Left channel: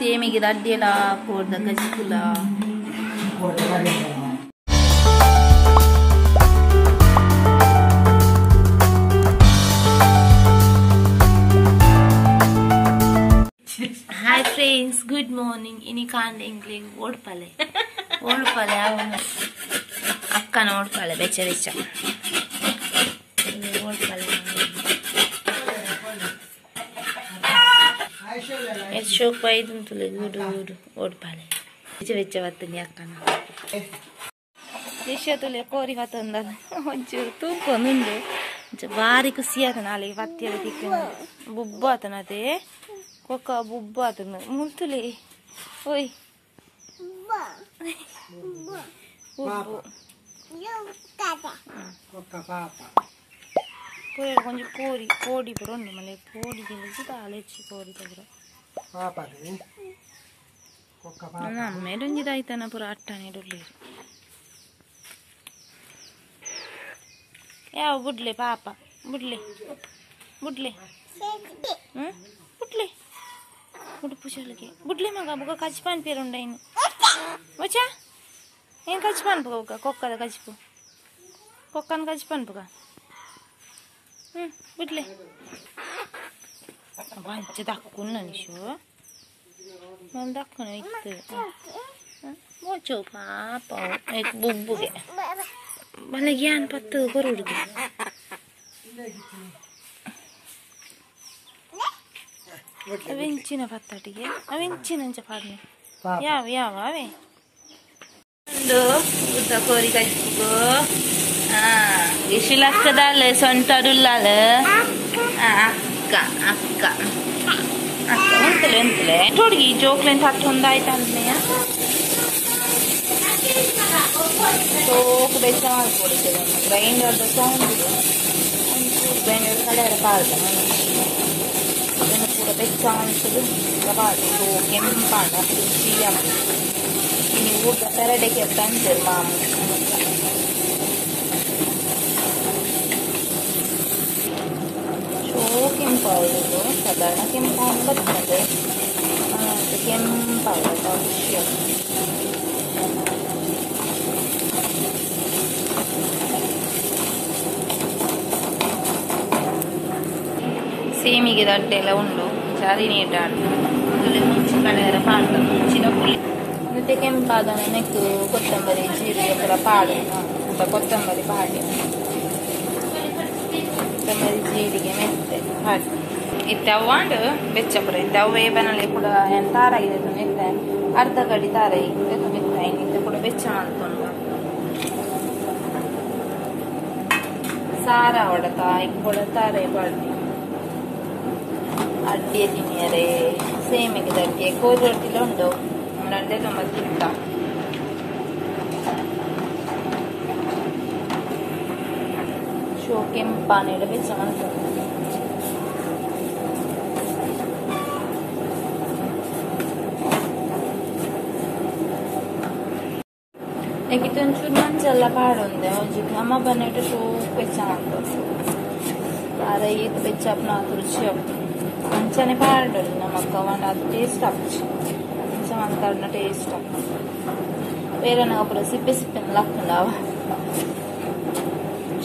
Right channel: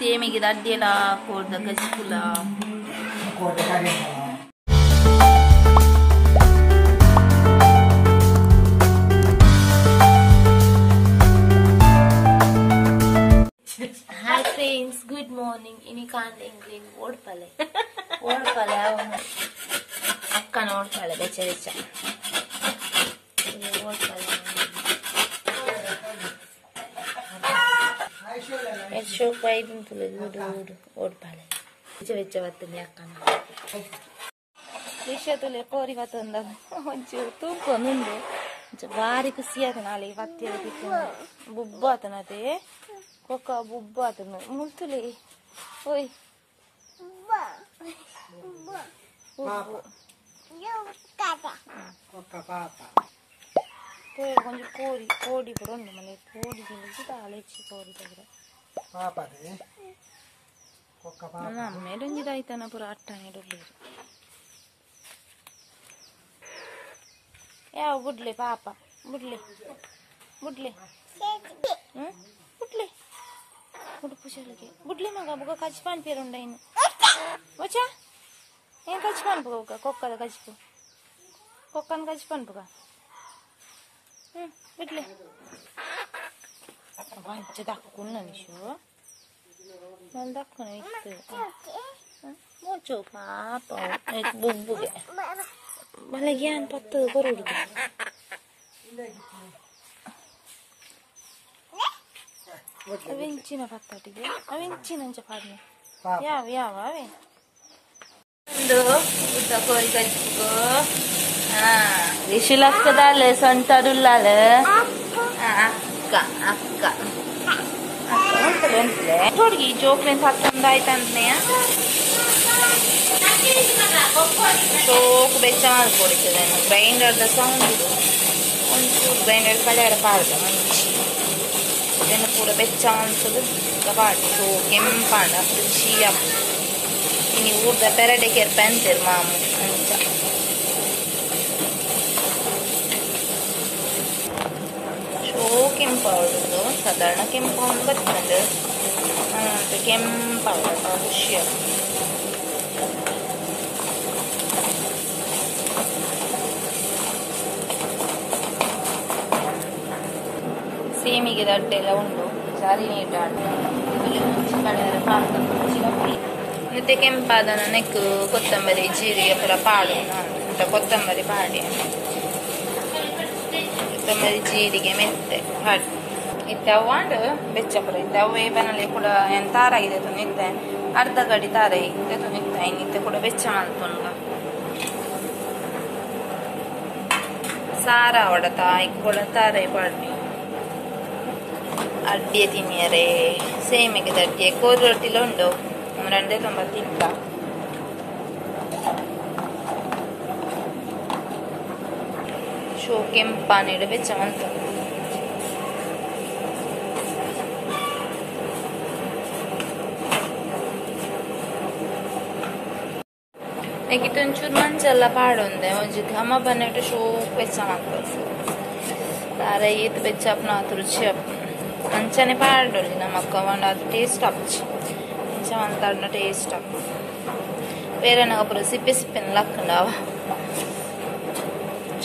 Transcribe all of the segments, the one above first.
Semiche daddiela corda gajpula. Hi friends, good morning. Ini kande English word pale. Word pale avunu. Akka note pale becha becha. Word pale. It's show quite into the good word pale. Becha becha vattani akka na. Disha tule kori vatanda. Onchuru tunko nundu. Vari kusiyatana ali vattiyala tikkana. Bubba atana te. Koka bubba atana. Multule. Oi. Bubba. Bubba. Koka papa. Poi konju kodi poronno male kodi kelisi talechi kodi tagro. Papa ne. Koka papa. Na medonji daitana pura attane dolliri. Ya budle papa. Budle. Budle. Budle. Budu puja lagi. Budle maga buka kacipan pirunda ini. Baca? Ini kacipan buka kokka da kacipu. Kokkan kacipan buka. Budle. Banca dakkunna nishu. Man dakkuna ittu. Baca papa. Ek bubbu ge. Balagian pattu korudu. Avincina fattatige. Avincina anja padne. Ya ave. Ndo uta kori kajpugo. Gishilakadale santadullale. Akka. Untele. Torgi joklen tattondaitanneya. Shoku bechamal kodikadenne. Grinder da sound idu. Onchu grinder kalera parda manchi. Then pura bechamal sudu kapati shokem panda puchiyam. Ini urda perade ke penter mamu. Shokem powder sadarna kem powder battande. Ananta kem powder ka pushiyam. Semiche daddela undu sari neetal tule munchi kalera paata munchina puli nite kempadana nekku kottambari jeerige pura paadu anta kottambari paadi kottambari jeerige mette had ittawand beccapura ittawwe banale kuda entara ide tunitte arda gadi tarai ide tunitte initte kuda becchamantunga sara odata ikkuda tarai paadi Addiya tiniyare semiche daddiye kodi rotile undu rande tombatta shokem panede bechamantu nekitun churman challa paadunde oji thama banete shok bechamantu tare it bechapna turchap Anchane paadoli namakka vanda taste apchi ancha antarna taste up verana apura sippen lakkanawa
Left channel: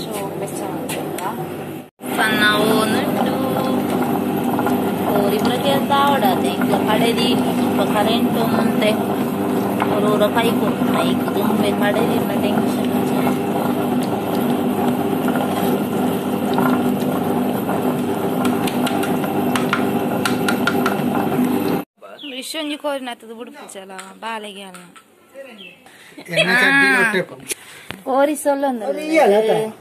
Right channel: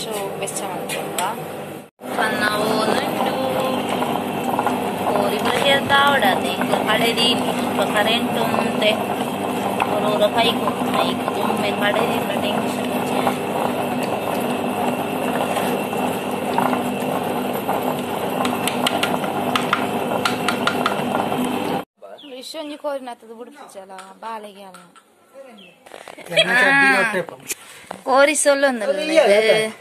so bechamantunga panna onu ori prakiya tavadade inga kadedi inga current unte orora paiku dumme kadedi na tension Shonji korinatadu budupuchala balege alla kori sollondalle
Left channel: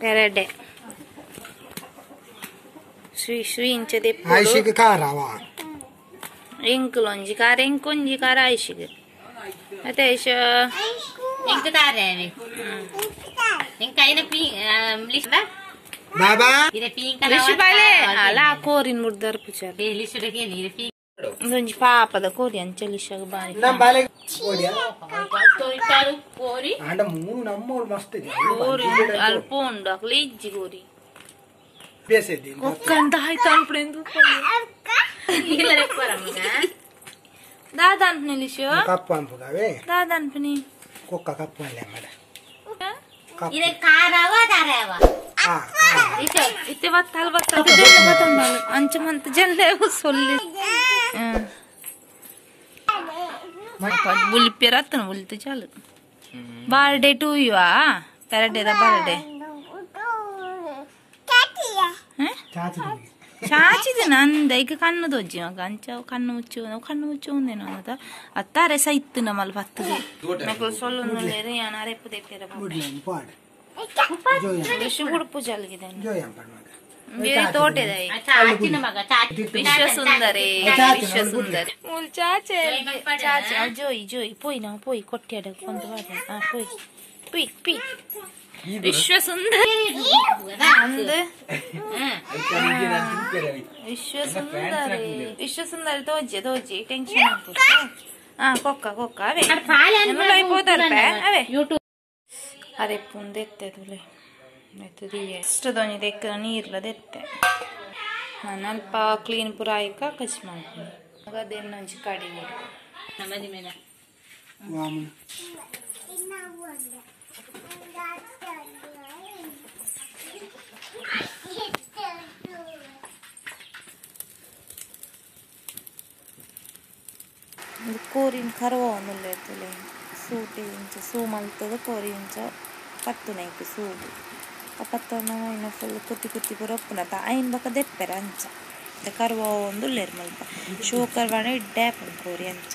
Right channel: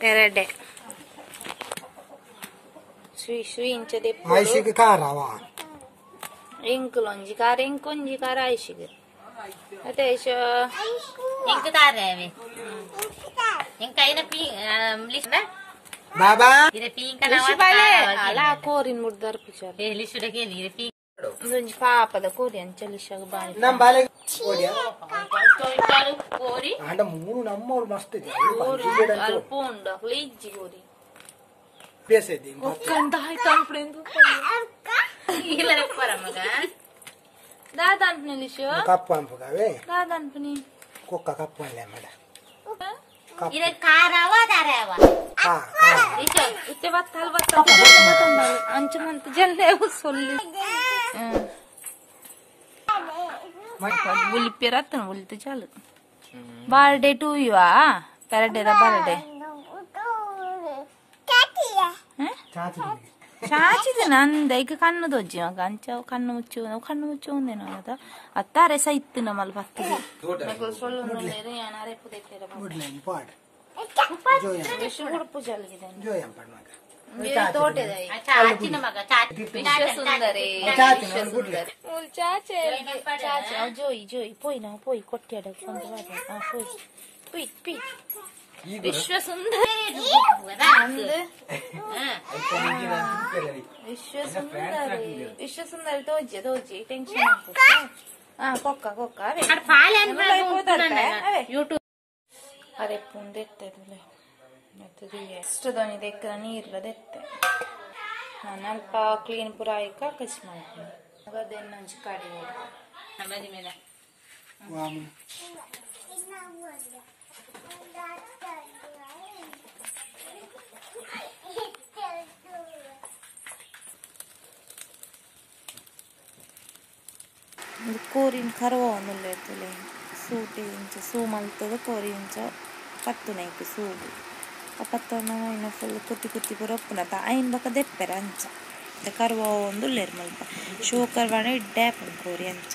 perade sui inche deppu aishige karawa inkulonji kare inkonji kara aishige ate isha ink tareve inkaina pi lista Baba ire pinka na wala ala korin murdar puchar e lissude ke ire pin donji papa da kori anchelisha bani nam bale koriya kori anda moonu nammolu mast de kori alponda lejji kori pese de kokkan dai tan prendu Gila repara maka. Dadan nilisyo. Kapuan po gawe. Dadan pani. Kokka kapuan lang mada. Ini karawa darawa. Ite battal batan bal. Anchamanತ ಜಲ್ಲೆ ಸೊಲ್ಲಿ. बुली पेरात ना बोलते चाल birthday to you पेरडे दा birthday ಚಾಚಿದೆ ನಂದ ಈಗ ಕಣ್ಣು ದೊಜ್ಜಿ ಮಗ ಅಂಚ ಕಣ್ಣು ಮುಚ್ಚು ಒಂದೇನೋ ಅದ ಅತ್ತಾರೆ ಸೈತ್ತು ನಮ್ಮಲ್ಲಿ ಬರ್ತದೆ ಮಕ್ಕಳು ಸೊಲ್ಲೊಂದು ಲೇರೆ ಯಾನಾರೆ ಪುದೆ ಪೇರ ವಿಶ್ವ ಉಡುಪು ಜಲ್ಗಿದೆ ಬೇರೆ ತೋಟದ ವಿಶ್ವ ಸುಂದರಿ ವಿಶ್ವ ಸುಂದರಿ ಚಾಚೆ ಜೋಯಿ ಪೋಯ್ ಕೊಟ್ಟಿಯಾಡ ಕೊಂದು ಪೋಯ್ ವಿಶ್ವ ಸುಂದರಿ ವಿಶ್ವ ಸುಂದರಿ ತೋಜಿ ಟೆನ್ಷನ್ ಆಗ್ಬಿಟ್ಟು ಕೊಕ್ಕ ಅವೇ అయిపోతారు అవే యూట్యూబ్ అరే పుందెత్తేదులే ಎಷ್ಟು ದೋಣಿ ತೆಕ್ಕ ನೀರ್ಲ ದೆತ್ತೆ ನಾನು ಅಲ್ಪ ಕ್ಲೀನ್ ಪುರ ಆಯ್ಕ ಕಚ್ ಮಾಡ್ತೀನಿ ಅದೇನು ನಂಜಿ ಕಡಿ ನಮ್ಮದಿ ಮೇಲೆ ಕೋರಿನ ಕರವ ಒಂದಿಲ್ಲ ಇರ್ತಲೆ ಸೂಟಿ ಇಂಚ ಸೂ ಮಲ್ತದ ಕೋರಿ ಇಂಚ ಪತ್ತುನೈಕು ಸೂಡು ಪತ್ತನ ಇನ್ನು ಫುಲ್ ಕುತ್ತಿ ಪುರಪ್ಪನ ಆಯ್ನ ಬಕ ದೆಪ್ಪೆರ ಅಂಚ ಕರ್ವ ಒಂದು ಲೇರ್ ಮಲ್ಪ ಶೋ ಕರ್ವಾಣ ಡ್ಯಾಪ್ ಕೋರಿ ಅಂಚ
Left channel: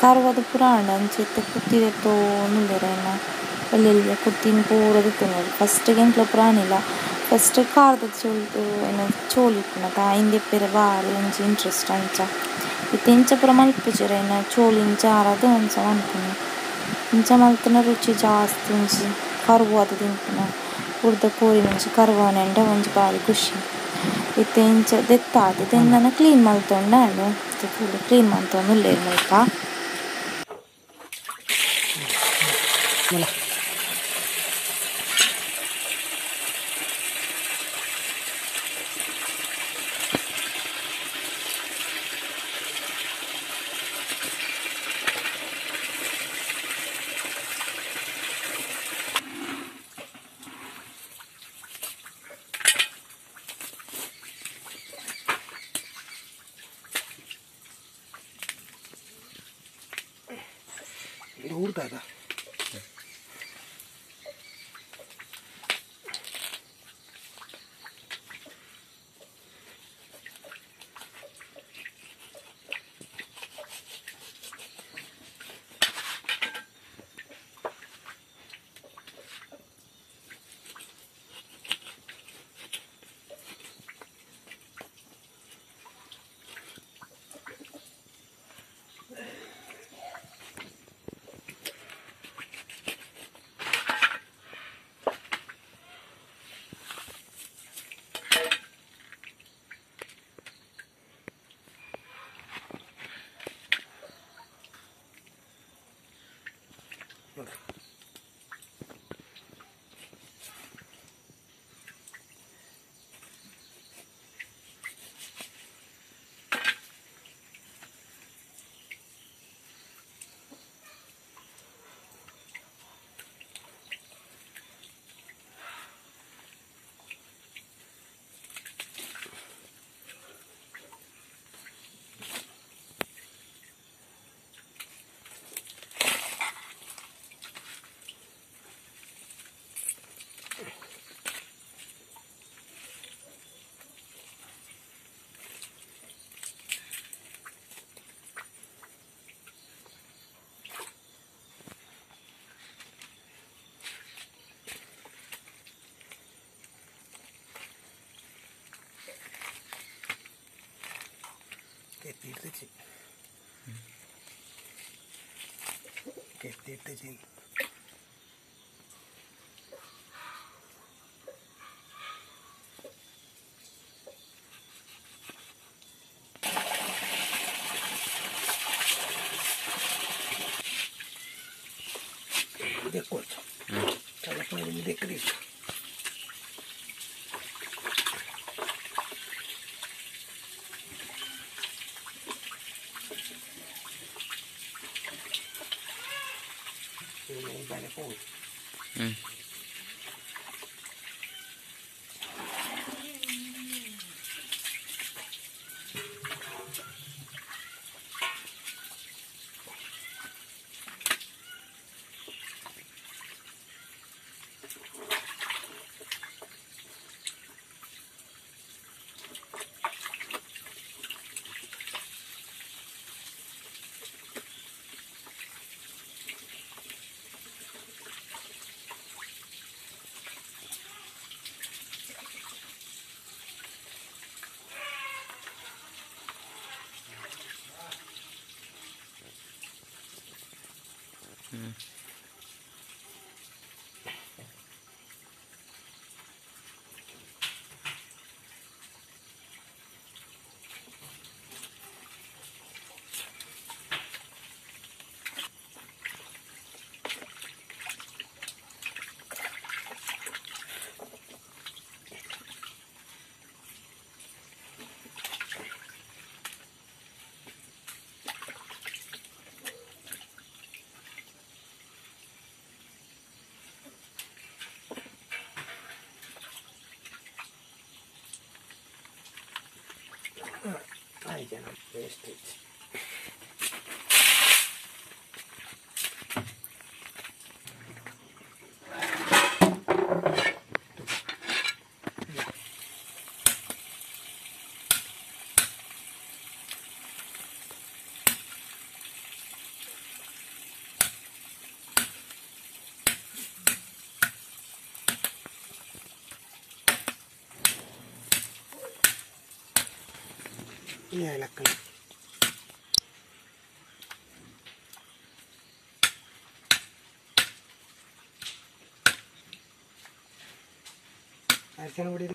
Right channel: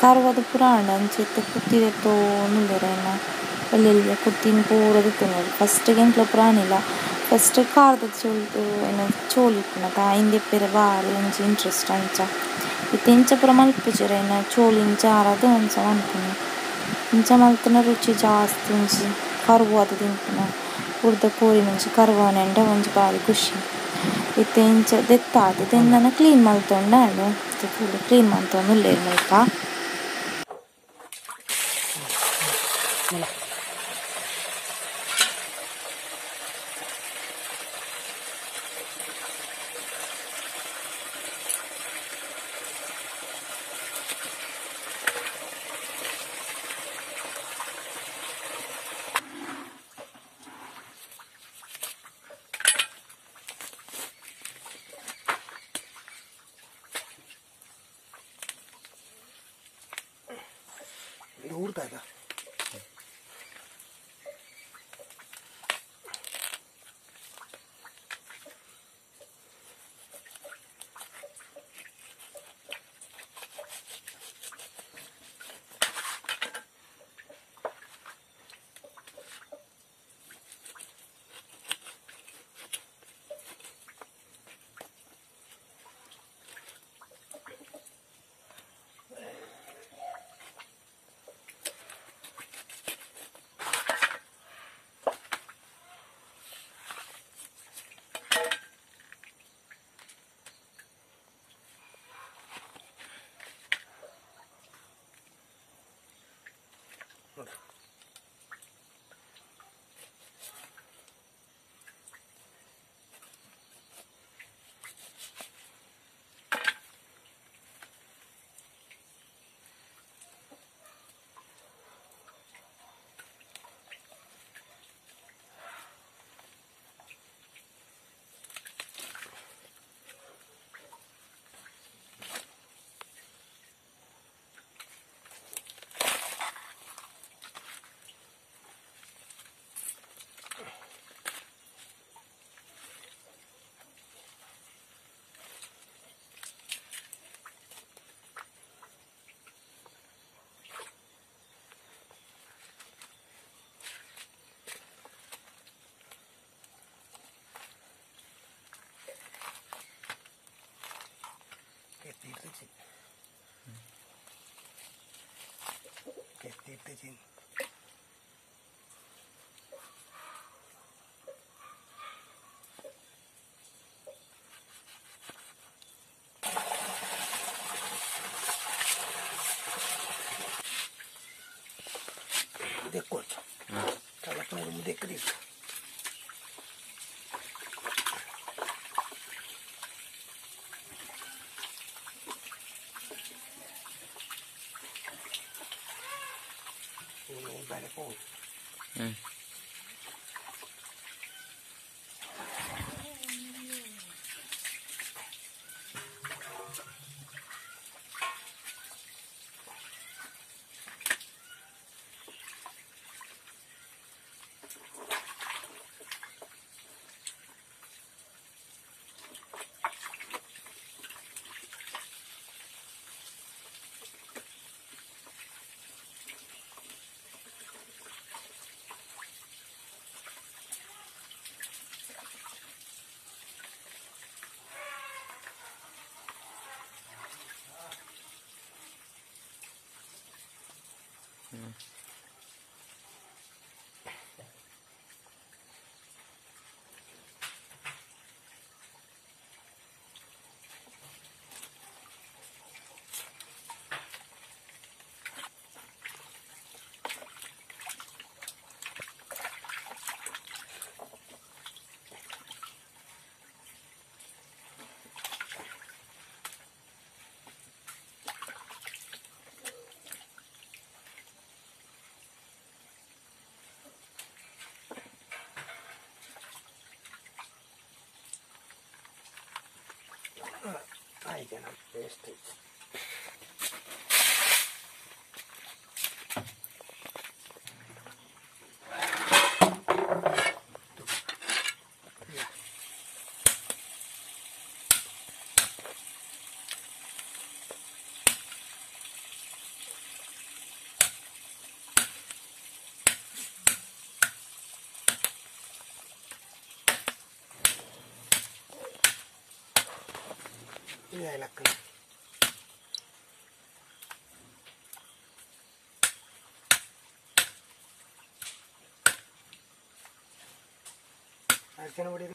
ಕರ್ವದ ಪುರಾಣ ಅಂಚಿತ್ತು ಕುತ್ತಿದೆತ್ತೋ ನಿಲ್ಲರೇನ ಅಲ್ಲೆಲ್ಲ ಕುತ್ತಿನ ಪೂರದಿತ್ತು ನೋಡಿ ಫಸ್ಟಿಗೆ ಎಂಟ್ಲ ಪುರಾಣ ಇಲ್ಲ ಫಸ್ಟ್ ಕಾರ್ದ ಚೋಲ್ತು ಏನು ಚೋಲಿಪ್ಪುನ ಹಿಂದೆ ಪೇರೆ ಬಾರಿ ಒಂಚಿ ಇಂಟ್ರೆಸ್ಟ್ ಅಂಚ ಇತ್ತು ಇಂಚ ಪುರ ಮಲ್ಪುಜರ ಏನು ಚೋಲಿ ಇಂಚ ಆರದು ಅಂಚ ಅನ್ಪುನ ಇಂಚ ಮಲ್ತನ ರುಚಿ ಜಾಸ್ತಿ ಒಂಚಿ ಕರ್ವು ಅದು ತಿಂಪುನ ಉರ್ದ ಕೋರಿ ಮುಂಚಿ ಕರ್ವನೆಂಡ ಒಂಚಿ ಬಾರಿ ಖುಷಿ ಇತ್ತು ಇಂಚ ದೆತ್ತಾದ ತಿನ್ನ ಕ್ಲೀನ್ ಮಲ್ತೊಂಡ ಫುಲ್ ಕ್ಲೀನ್ ಮಾಡ್ತೊಂದು ಇಲ್ಲೇ ಮೈಕ ಊರ್ತಾದ देखो चल अपने देख देख Ahí ya no vestige. Iya lakukan. Action budi.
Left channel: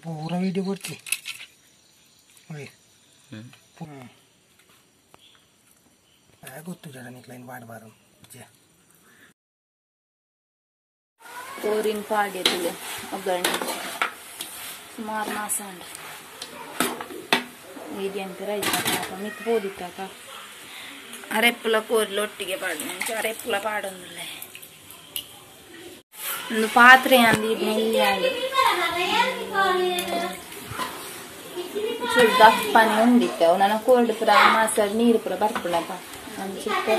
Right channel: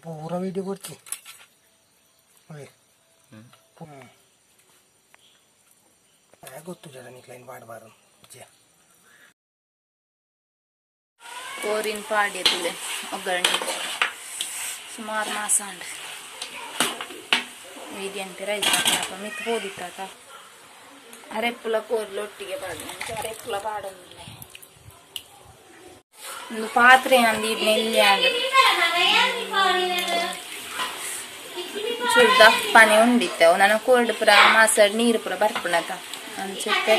पूरा वीडियो करती ಗೊತ್ತು ಜನ ಕ್ಲೈನ್ ಮಾಡಬಾರ तोरीन पाडे तुले ಒಗ್ಗರಣೆ ಸುಮಾರು ಮಾಸ ಅಂಡ್ ಮೀಡಿಯಂತೆ ರೈಸ್ ಹಾಕ ಮಿತ್ ಹೋದಿತ್ತಾತ ಅರೆಪ್ಪುಲ ಕೋರ್ಲು ಒಟ್ಟಿಗೆ ಪಾಡ್ನೆ ಅರೆಪ್ಪುಲ ಪಾಡೊಂದುಲ್ಲೆ ಒಂದು ಪಾತ್ರೆ ಅಂದಿ ನೆಲ್ಲಿ ಅಂಡ್ ಚೂರು ದಪ್ಪನೆ ಉಂಡಿತ್ತವು ನನ್ನ ಕೋಲ್ಡ್ ಪುರ ಮಾಸಡ್ ನೀರು ಪುರ ಬರ್ಪುಣತ ಅನ್ಸುತ್ತೆ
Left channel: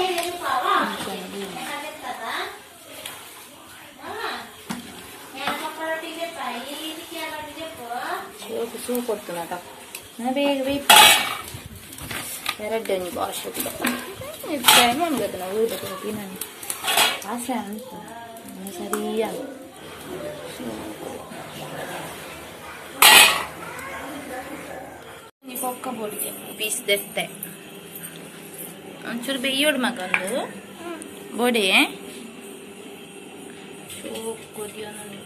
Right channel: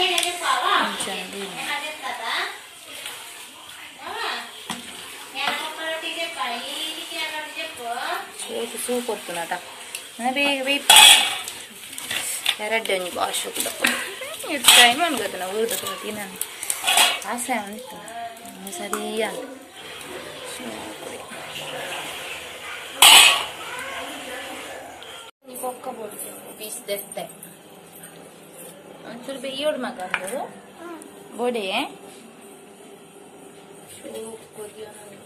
ಸೂಪ್ ಕೊಡ್ತುನತ ಬೇಗ ಬೇಯ್ಪ ಎರಡನೇ ಭಾಷೆ ಕೂಡ ಟೈಮ್ ಅನ್ಕೋತ ನಾವು ಉಳಿದ ನಾನು ಆಸೆ ಅಂತ ಸರಿಯಾಗಿ ಕೊಕ್ಕ ಬೋಡಿಗೆ ಪೀಸ್ ದೆತ್ತೆ ಒಂಚೂರು ಬೇಯೋಡು ಮಗಂದು ಬೋಡೆ ಚೂರು ಕೊದಿಯೋ ನಾನು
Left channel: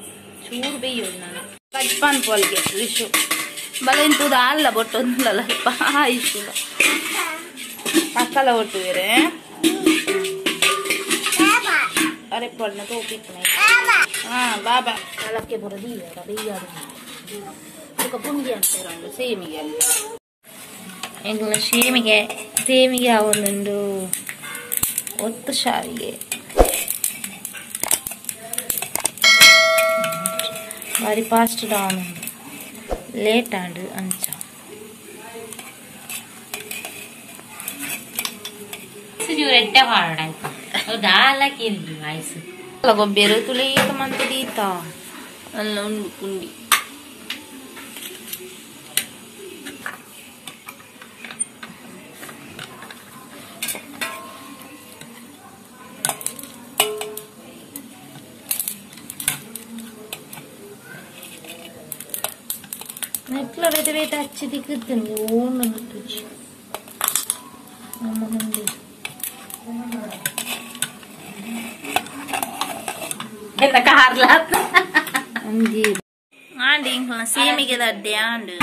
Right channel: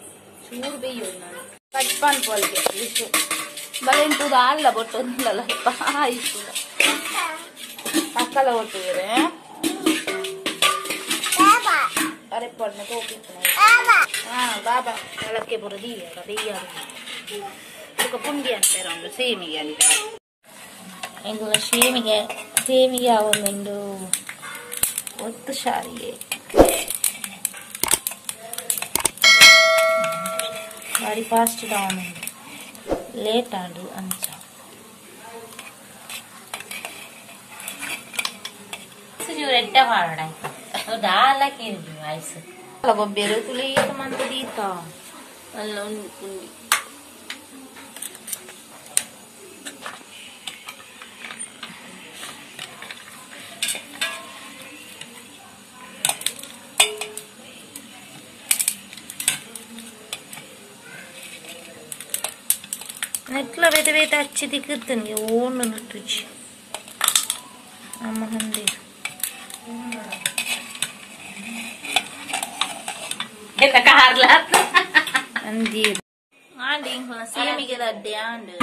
ಚೂರು ಬೇಯೋಡು ನಾನು ಕಜ್ಪಾನ್ ಪಾಲ್ಗೆ ವಿಶು ಬಲೆಂತುದು ಅಲ್ಲ ಬೊಟ್ಟೊಂದಲ್ಲ ಆಯ್ತಿಲ್ಲ ಮಕ್ಕಳ ಒಟ್ಟು ಬೇರೆ ಅರೆ ಪಣ್ಣ ತೋಪಿತ್ತು ಬಾಬಾ ತಲಕ್ಕೆ ಬರೋದು ದೆಯ್ಯಾರು ಅದಕ್ಕೆ ಪುಂಡಿ ಅಂತಾರೆ ಒಂದು ಸೇಮಿಗೆ ಅಂತ ಎಂಗ್ಲ ಸೇಮಿಗೆ ಒಂದೊಂದು ಒತ್ತು ಶಾವಿಗೆ ಬಾರಿ ಫಾಸ್ಟ್ ಡೌನ್ ಲೇಟ್ ಆಂಡ್ ಅಂಚ ಎಡ್ಡೆ ಮಾಡೋಣ ದಾಲಕ್ಕೆ ಆಯ್ಸು ಗೊಬ್ಬೆರು ತುಳಿಯಕ ಮಂತ ದೀತ ಅಲ್ಲ ಉಂಡು ಪುಂಡಿ నెట్లో వెతవేత వచ్చి దిగుతుంది ఓన్ నట్టు అమ్మ ఉంది ಅಂದಿ ಆಂಡಿ ಸೇಮಿಗೆ ದಡ್ಡೆ ಆಂಡು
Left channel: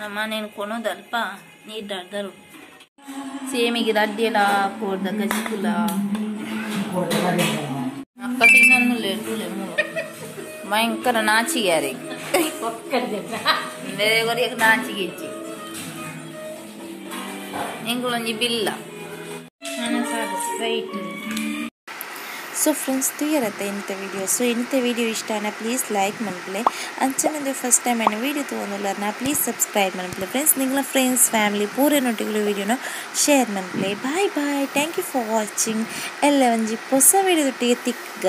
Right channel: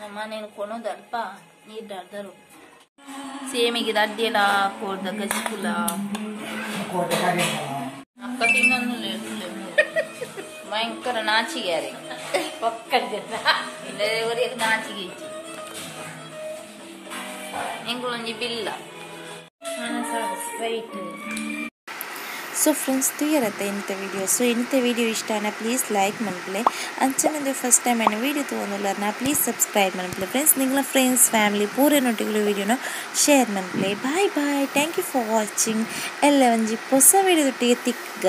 ನಮ್ಮ నేను కొనదಲ್ಪ ನೀರು ದಡ್ದರು ಸೇಮಿಗೆ ದಡ್ಡೆಲ್ಲ ಕೋಡ್ದ ಗಜ್ಕುಲ ಅಕ್ಕ ತಿನ್ನೊಂದು ಭಯಂಕರ ನಾಚಿಗ್ಯಾರೆ ಬೇರೆಯವರಿಗೆ ನಾಚಿಗೆ ಇಚ್ಚಿ ನಿಂಗಳೊಂಜಿ ಬಿಲ್ಲ ರೈಟ್ ಸೊ ಫ್ರೆಂಡ್ಸ್ ತುಯ್ಯರತ್ತೆ ಇಂಥ ವಿಡಿಯೋ ಸೊ ಇಂಥ ವಿಡಿಯೋ ಇಷ್ಟನ ಪ್ಲೀಸ್ ಲೈಕ್ ಮನ್ಪಲೆ ಅಂಚನದು ಫಸ್ಟ್ ಟೈಮ್ ಏನು ವಿಡಿಯೋ ತೊಗೊಂಡಿಲ್ಲರ್ನ ಪ್ಲೀಸ್ ಸಬ್ಸ್ಕ್ರೈಬ್ ಮನ್ಪಲೆ ಫ್ರೆಂಡ್ಸ್ ನಿಂಗಳ ಫ್ರೆಂಡ್ಸ್ ಫ್ಯಾಮಿಲಿ ಪೂರನೊಟ್ಟಿಗೆ ವಿಡಿಯೋನ ಶೇರ್ ಮನ್ಪಲೆ bye bye thank you for watching ಎಲ್ಲ ಒಂಜಿ ಹೊಸ ವಿಡಿಯೋದೊಟ್ಟಿಗೆ ತಿಕ್ಕ